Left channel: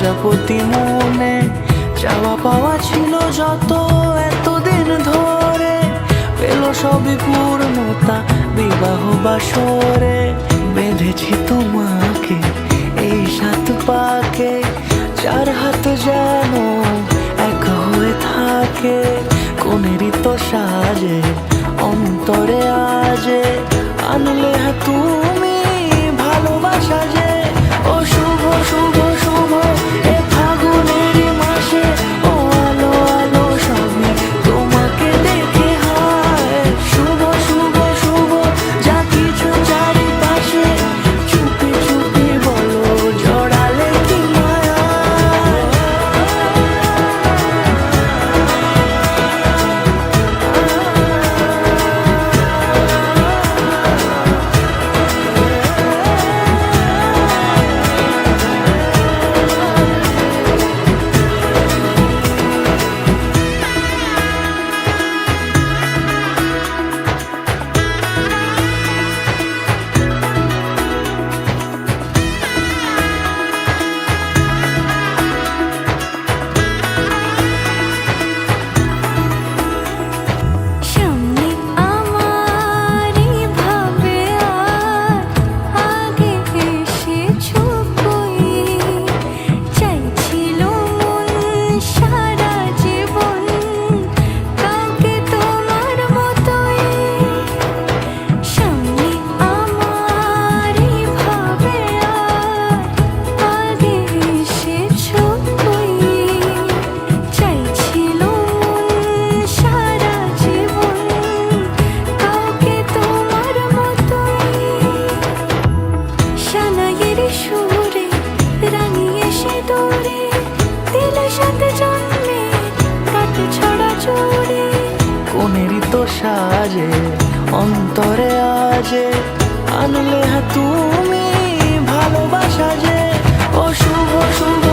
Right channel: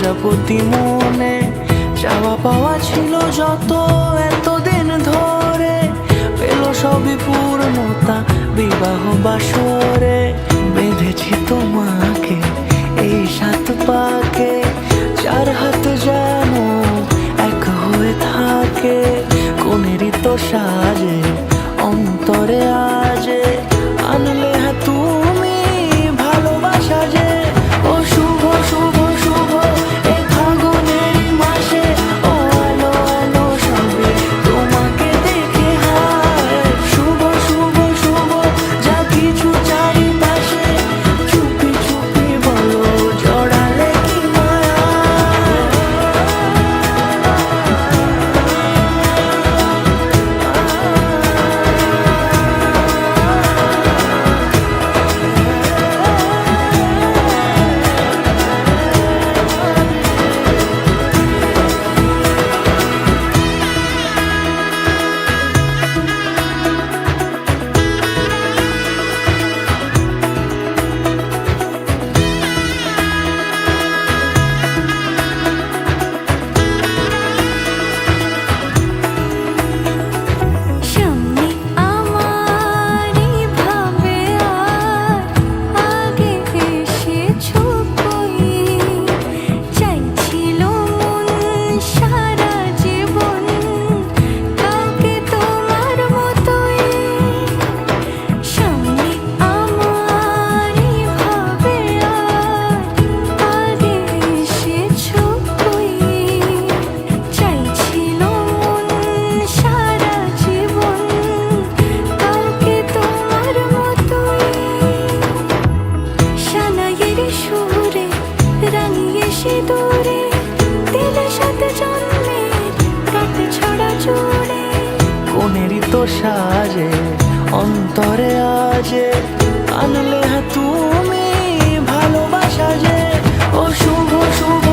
প্রজাপতি মনে চাওয়া পাওয়া ছিল যত এতদিন ধরে, পেল সবই পূর্ণতা বিবাহ বাসরে। বেঁধেছি তোমাকে এই 7 পাকে, 4 হাত যেন এক হয়ে থাকে। কোনেরই তো সাজে অন্তরে আজে, আনলে তুমি ভালোবাসা যে। ও শুভ শুভ শুভ এ ফাগুনেরই মাসে, ও আলো আলো সবই তোমাকে দেখে হায়। শুভ শুভ শুভ যা কিছু চারিপাশে, চুপি চুপি বলো জড়ালে কি মায়া। সুরে রাঙিয়ে সে দূরে দিলে 7 জন্মের কাট ছড়া জোড়ে। কোনেরই তো সাজে অন্তরে আজে, আনলে তুমি ভালোবাসা যে। ও শুভ শুভ